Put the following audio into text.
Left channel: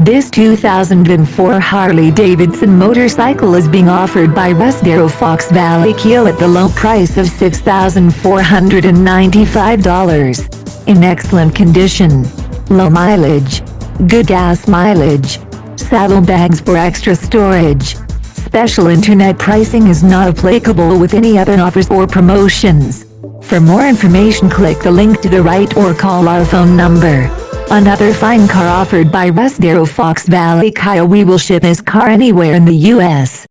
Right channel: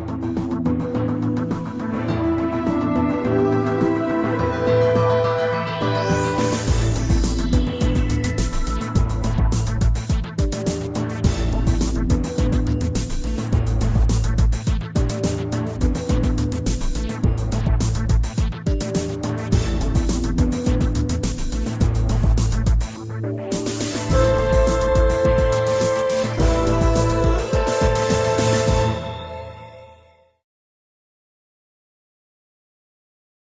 This 2004 Harley Davidson motorcycle is being offered by Rusdero Fox Valley Kia at the low price of $6,495. In excellent condition. Low mileage. Good gas mileage. Saddlebags for extra storage. Special internet pricing is not applicable with any other offers or promotions. For more information, click the link to the right or call our phone number. Another fine car offered by Rusdero Fox Valley Kia. We will ship this car anywhere in the U.S.